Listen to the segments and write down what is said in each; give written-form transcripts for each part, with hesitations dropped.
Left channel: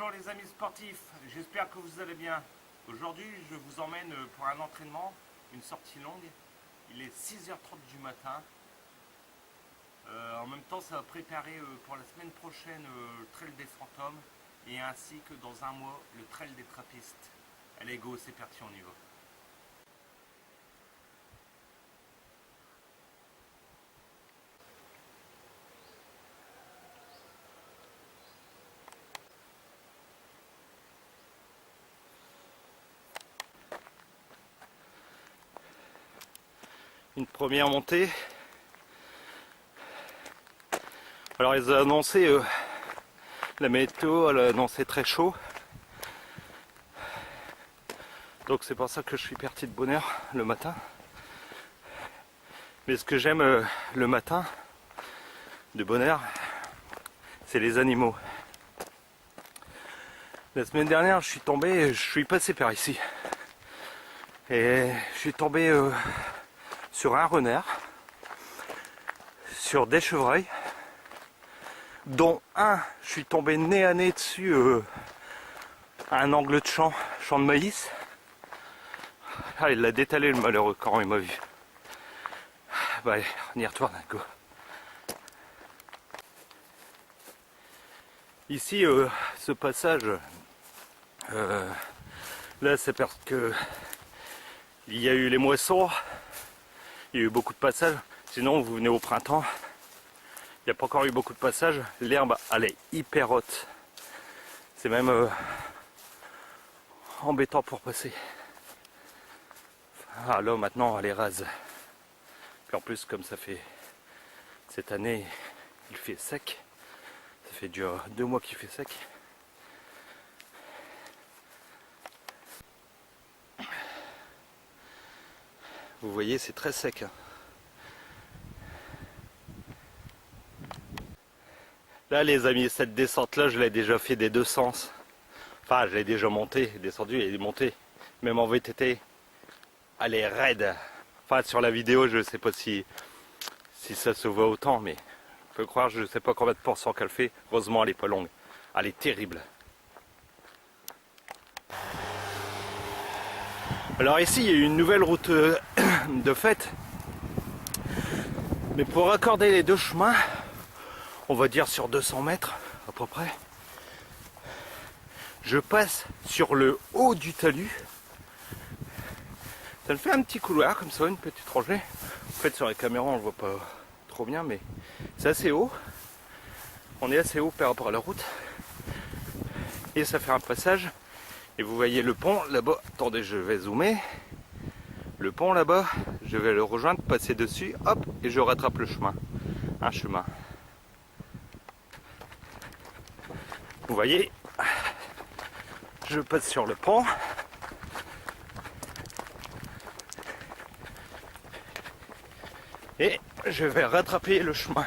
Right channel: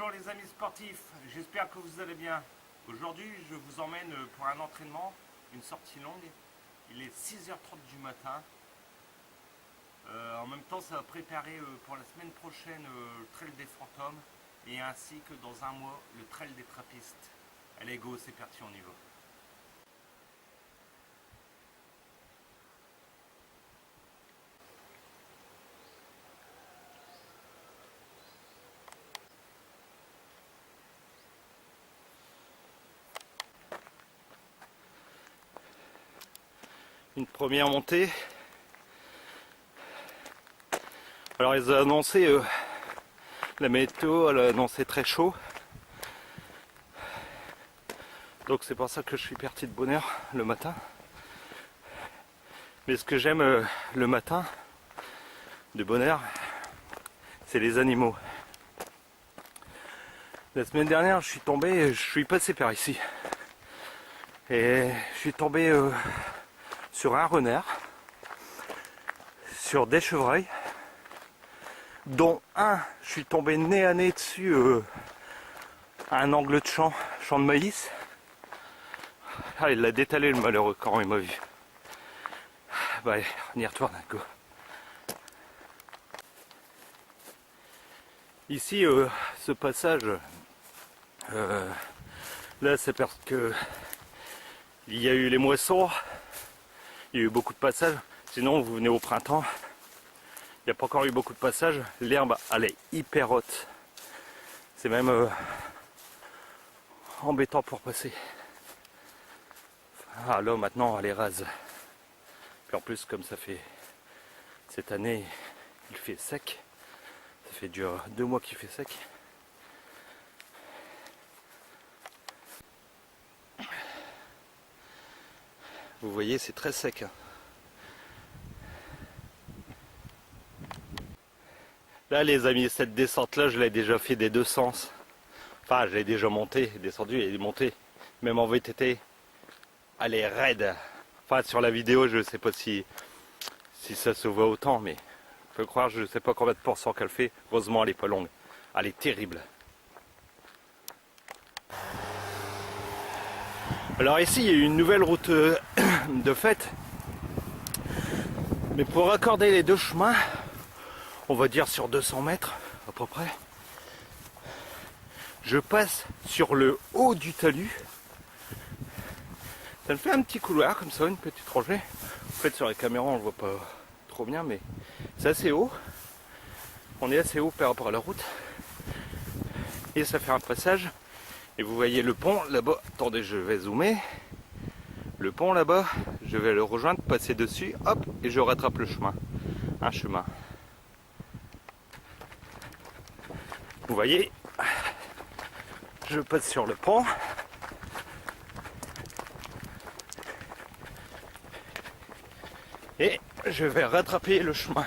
Bonjour les amis sportifs, j'espère que vous allez bien. Aujourd'hui je vous emmène pour un entraînement, une sortie longue. Il est 6h30 du matin. En même temps ça va préparer pour la semaine prochaine le trail des fantômes et ainsi que dans un mois le trail des trappistes. Allez go, c'est parti, on y va. Une première montée. Alors ils ont annoncé, la météo, elle a annoncé très chaud. Donc c'est pour ça que je suis parti de bonne heure le matin. Mais ce que j'aime le matin, de bonne heure, c'est les animaux. La semaine dernière, je suis passé par ici. Et je suis tombé sur un renard, sur des chevreuils, dont un, je suis tombé nez à nez dessus à un angle de champ de maïs. Ah, il l'a détalé le malheureux quand il m'a vu. Bah allez, on y retourne, go. Ici, ce passage, là c'est parce que il y a eu les moissons, il y a eu beaucoup de passages. Sinon, vous venez au printemps, il n'y a pas encore eu beaucoup de passages. L'herbe, elle est hyper haute. C'est même embêtant pour passer. Ah là, maintenant, elle est rase. Puis en plus, comme ça fait cette année, il fait sec. Ça fait 2 mois qu'il fait sec. Vous voyez, c'est très sec. Là, les amis, cette descente-là, je l'ai déjà fait des deux sens. Enfin, je l'ai déjà monté, descendu et monté. Même en VTT, elle est raide. Enfin, sur la vidéo, je ne sais pas si ça se voit autant, mais faut croire, je ne sais pas combien de pourcents qu'elle fait. Heureusement, elle n'est pas longue. Elle est terrible. Alors ici, il y a une nouvelle route de fait. Mais pour raccorder les deux chemins, on va dire sur 200 mètres à peu près, je passe sur le haut du talus. Ça me fait un petit couloir comme ça, une petite rangée. En fait, sur la caméra, on ne voit pas trop bien, mais c'est assez haut. On est assez haut par rapport à la route. Et ça fait un passage. Et vous voyez le pont là-bas. Attendez, je vais zoomer. Le pont là-bas, je vais le rejoindre, passer dessus, hop, et je rattrape le chemin. Un chemin. Vous voyez, je passe sur le pont. Et je vais rattraper le chemin.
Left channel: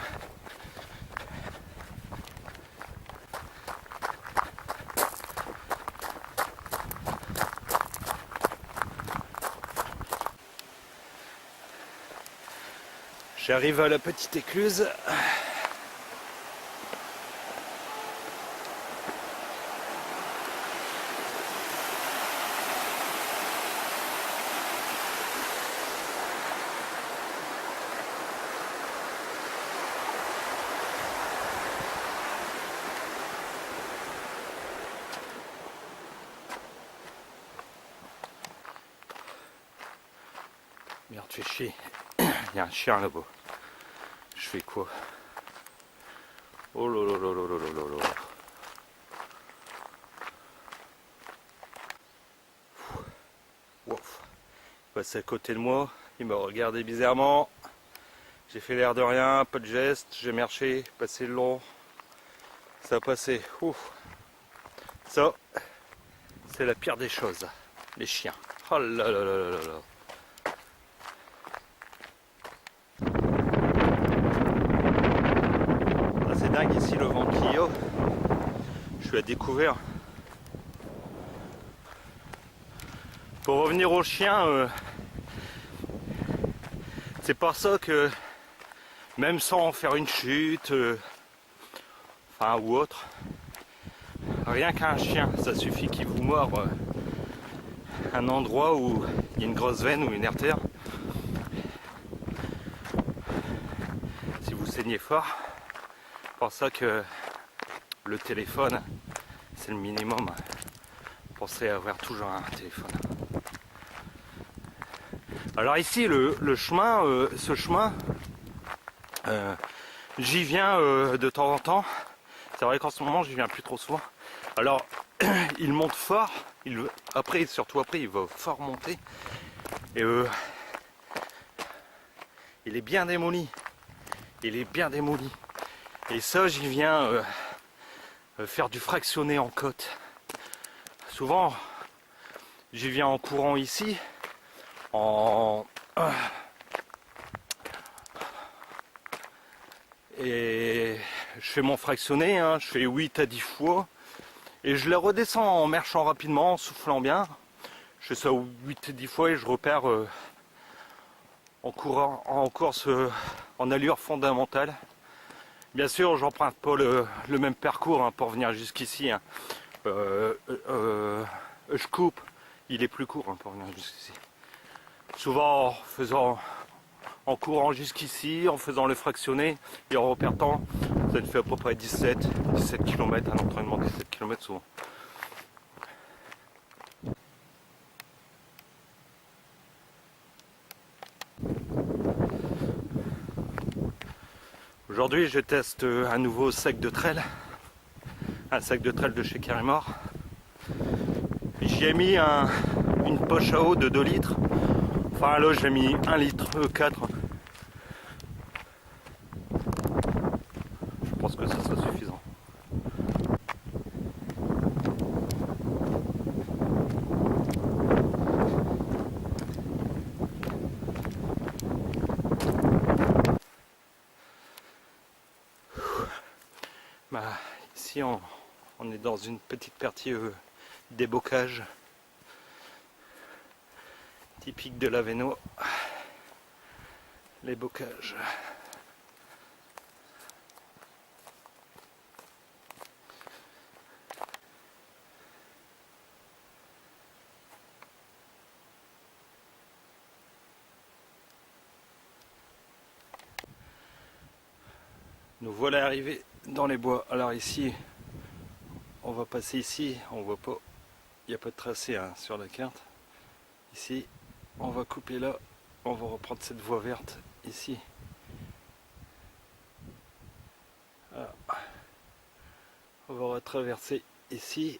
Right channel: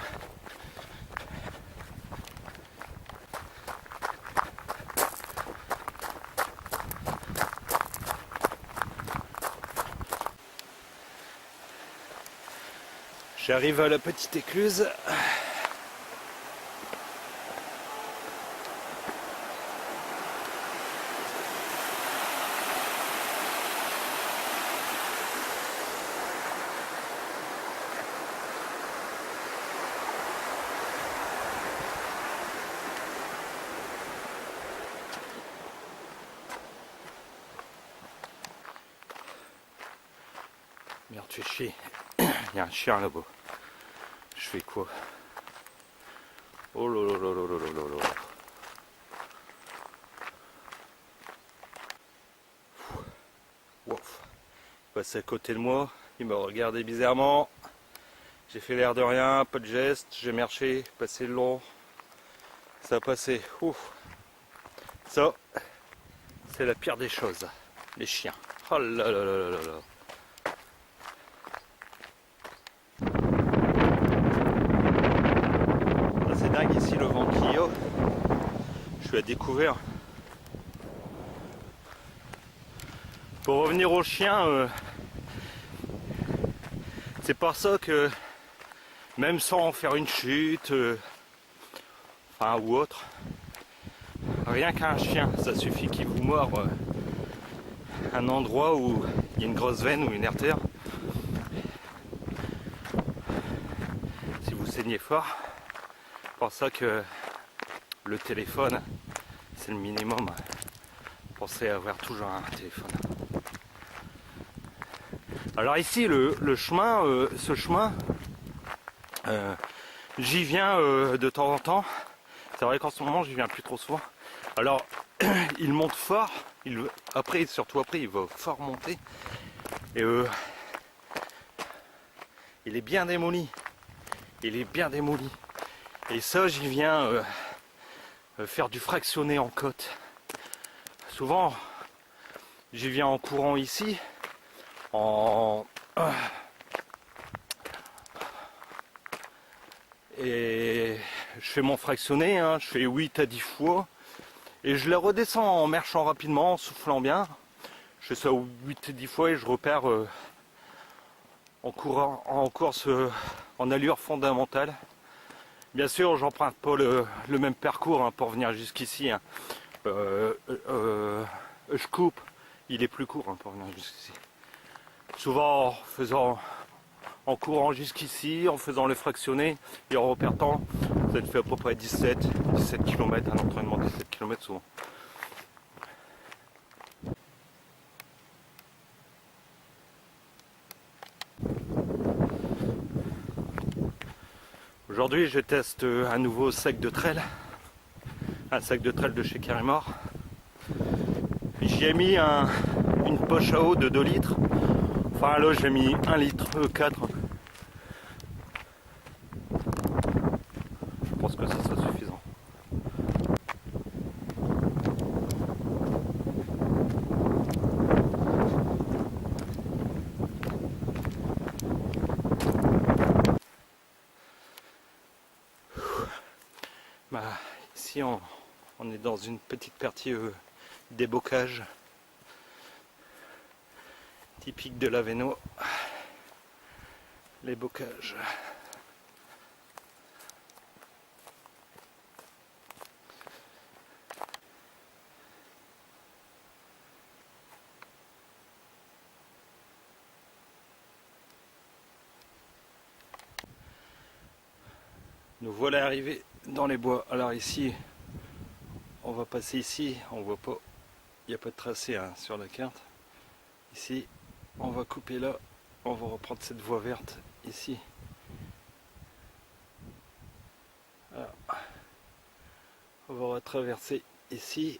J'arrive à la petite écluse. Merde, tu fais chier. Il y a un chien là-bas. Je fais quoi? Oh là là là là là là là. Ouf. Il passe à côté de moi. Il m'a regardé bizarrement. J'ai fait l'air de rien, pas de geste. J'ai marché, passé le long. Ça a passé. Ouf. Ça, c'est la pire des choses. Les chiens. Oh là là là là là là. C'est dingue ici le vent qu'il y a. Je suis à découvert. Pour revenir aux chiens, c'est par ça que même sans faire une chute, enfin ou autre, rien qu'un chien, ça suffit qu'il vous mord un endroit où il y a une grosse veine ou une artère. Si vous saignez fort, c'est pour ça que le téléphone, c'est le minimum. Pensez à avoir toujours un téléphone. Alors ici, le chemin, ce chemin, j'y viens de temps en temps. C'est vrai qu'en ce moment, j'y viens plus trop souvent. Alors, il monte fort. Surtout après, il va fort monter. Et il est bien démoli. Il est bien démoli. Et ça, j'y viens faire du fractionné en côte. Souvent, j'y viens en courant ici. Et je fais mon fractionné, hein, je fais 8 à 10 fois. Et je la redescends en marchant rapidement, en soufflant bien. Je fais ça 8 à 10 fois et je repère en course en allure fondamentale. Bien sûr, j'emprunte pas le même parcours hein, pour venir jusqu'ici. Hein. Je coupe, il est plus court hein, pour venir jusqu'ici. Souvent en courant jusqu'ici, en faisant le fractionné et en repartant, ça te fait à peu près 17 km, un entraînement de 17 km souvent. Aujourd'hui, je teste un nouveau sac de trail, un sac de trail de chez Carimor. J'y ai mis une poche à eau de 2 litres. Enfin là, j'ai mis 1 litre 4. Je pense que ça sera suffisant. Bah, ici, on est dans une petite partie débocage typique de l'Aveno. Les bocages. Nous voilà arrivés dans les bois. Alors ici, on va passer ici, on voit pas, il n'y a pas de tracé hein, sur la carte. Ici, on va couper là, on va reprendre cette voie verte ici. Alors, on va retraverser ici.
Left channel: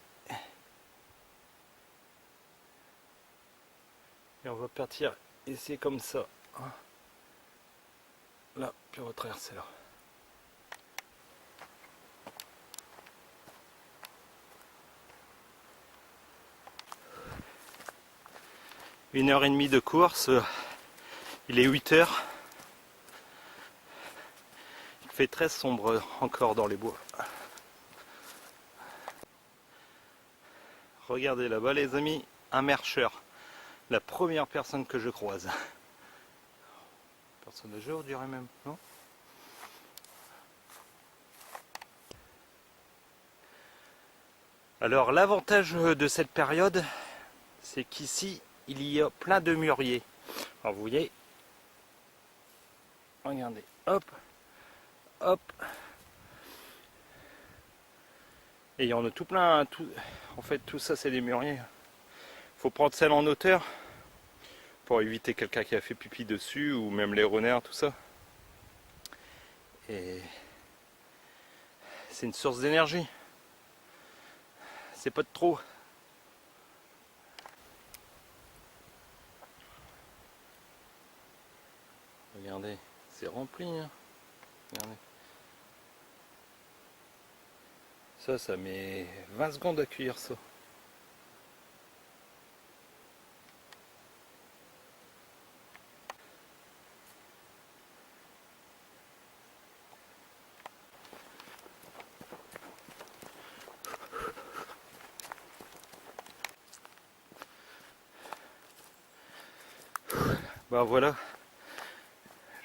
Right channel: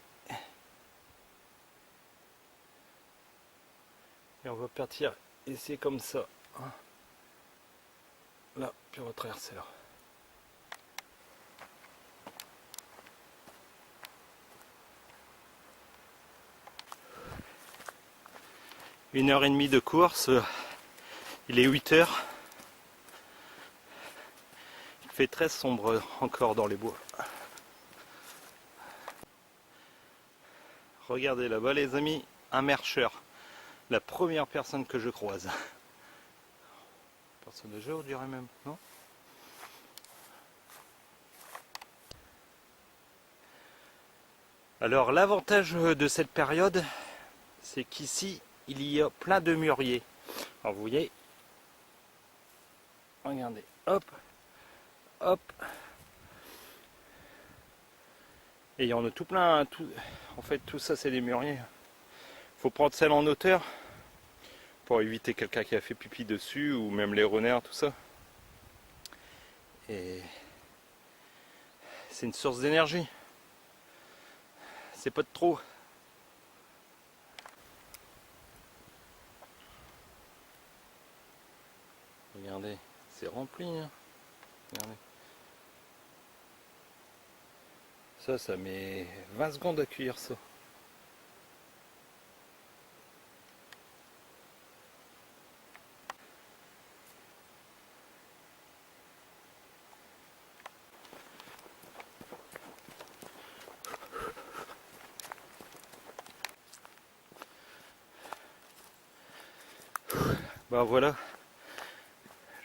Et on va partir ici comme ça. Là, puis on va traverser là. Une heure et demie de course, il est 8 heures. Il fait très sombre encore dans les bois. Regardez là-bas les amis, un marcheur. La première personne que je croise. Personne de jour, je dirais même, non? Alors l'avantage de cette période, c'est qu'ici, il y a plein de mûriers. Alors vous voyez, regardez, hop, hop. Et il y en a tout plein, en fait tout ça c'est des mûriers. Il faut prendre celle en hauteur pour éviter quelqu'un qui a fait pipi dessus ou même les renards, tout ça. Et c'est une source d'énergie. C'est pas de trop. Regardez, c'est rempli. Hein. Regardez. Ça met 20 secondes à cuire ça. Bah voilà,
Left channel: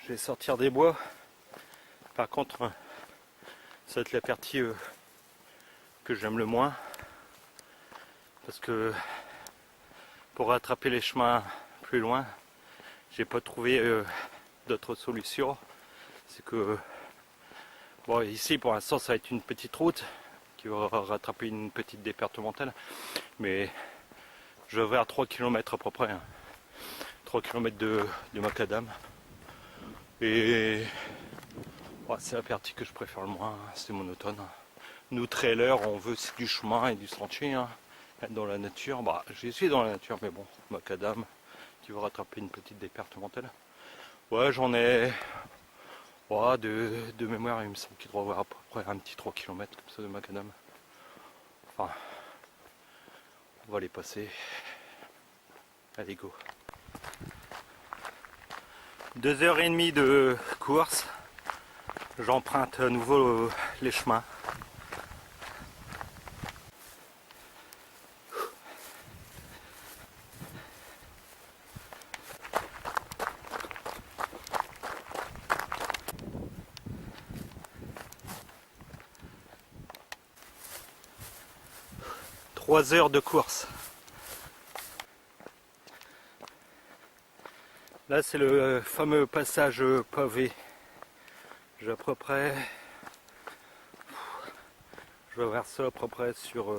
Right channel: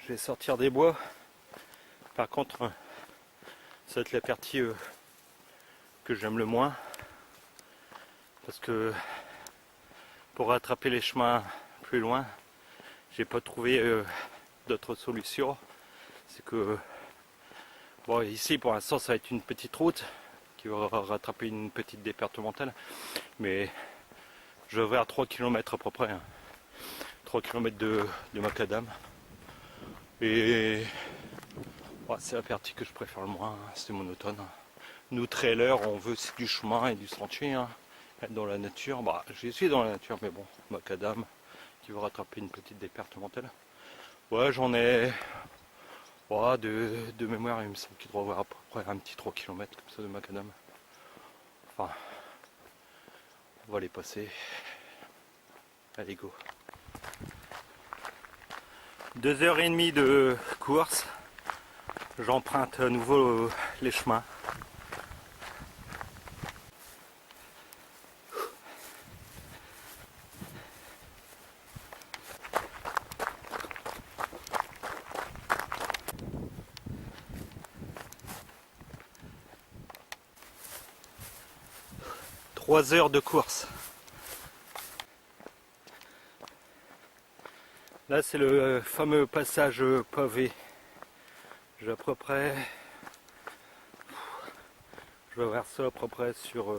je vais sortir des bois. Par contre, ça va être la partie que j'aime le moins. Parce que pour rattraper les chemins plus loin, j'ai pas trouvé d'autres solutions. C'est que bon, ici pour l'instant ça va être une petite route qui va rattraper une petite départementale, mais je vais à 3 km à peu près, hein. 3 km de macadam. Et ouais, c'est la partie que je préfère le moins, hein, c'est monotone. Nous trailers, on veut du chemin et du sentier, hein. Être dans la nature, bah j'y suis dans la nature, mais bon, macadam qui va rattraper une petite départementale. Ouais, j'en ai de mémoire, il me semble qu'il doit y avoir à peu près un petit 3 km comme ça de macadam. Enfin, on va les passer. Allez, go. 2h30 de course. J'emprunte à nouveau les chemins. Trois heures de course. Là c'est le fameux passage pavé. J'ai à peu près, je vais voir ça à peu près sur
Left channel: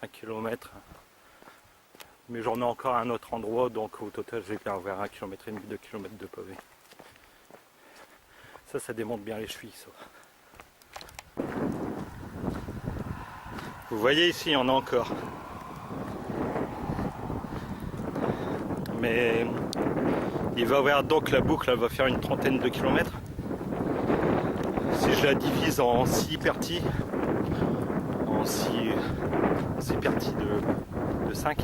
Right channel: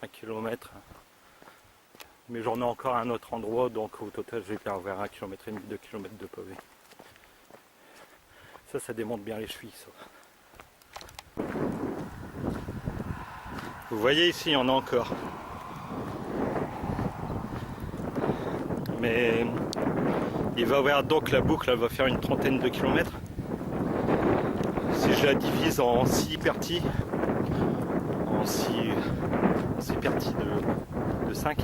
1 km. Mais j'en ai encore un autre endroit, donc au total je vais bien vers 1,5 km, 2 km de pavé. Ça démonte bien les chevilles, ça. Vous voyez ici, il y en a encore. Mais il va y avoir donc la boucle, elle va faire une trentaine de kilomètres. Si je la divise en 6 parties, en 6 parties de 5,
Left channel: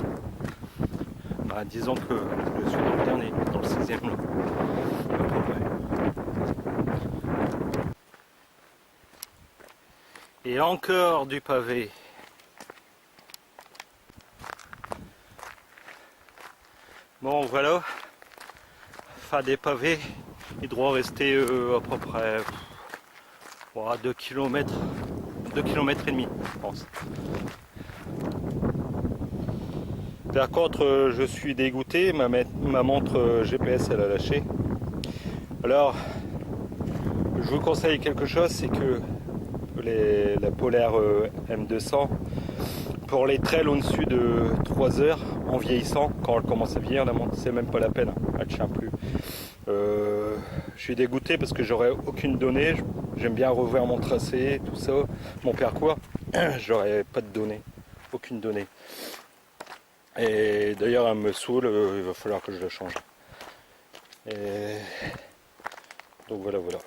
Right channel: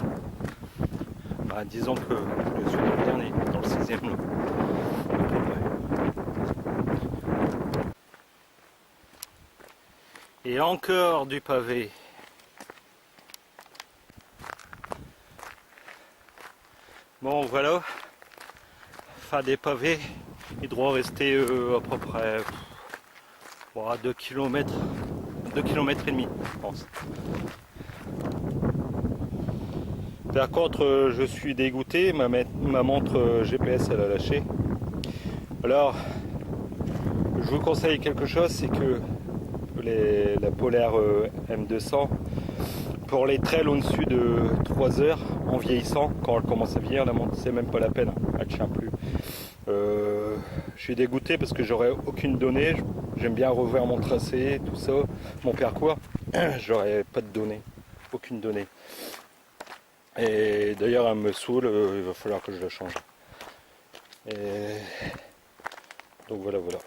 bah, disons que je suis dans le dernier, dans le 6e là, à peu près. Et encore du pavé. Bon voilà, fin des pavés, il doit rester à peu près 2 km, 2 km et demi, je pense. Par contre, je suis dégoûté, ma montre GPS elle a lâché. Alors, je vous conseille quelque chose, c'est que la Polaire M200, pour les trails au-dessus de 3 heures, en vieillissant, quand elle commence à vieillir, la montre, c'est même pas la peine, elle ne tient plus. Je suis dégoûté parce que j'aurais aucune donnée, j'aime bien revoir mon tracé, tout ça, mon parcours, j'aurais pas de données, aucune donnée. Et d'ailleurs elle me saoule, il va falloir que je la change. Et donc voilà.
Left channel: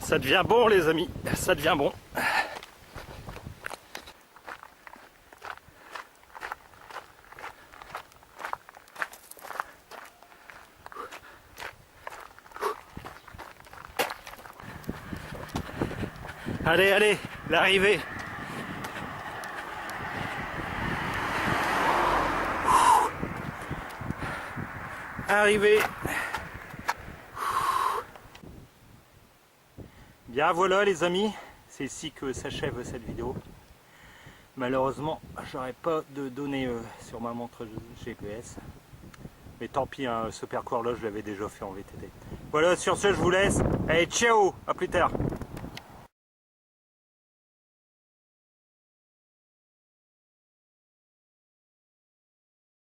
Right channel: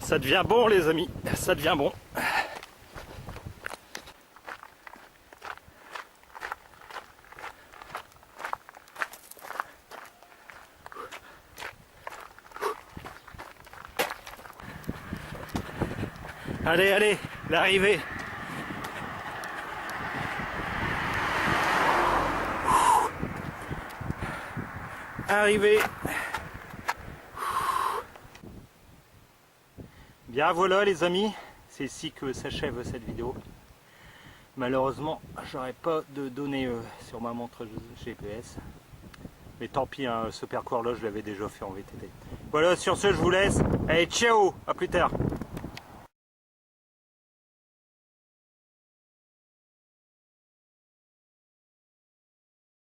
Ça devient bon les amis, ça devient bon. Allez, l'arrivée. Arrivée. Bien voilà les amis, c'est ici que s'achève cette vidéo. Malheureusement, j'aurais pas de données sur ma montre GPS. Mais tant pis, hein, ce parcours là je l'avais déjà fait en VTT. Voilà, sur ce je vous laisse. Allez, ciao, à plus tard.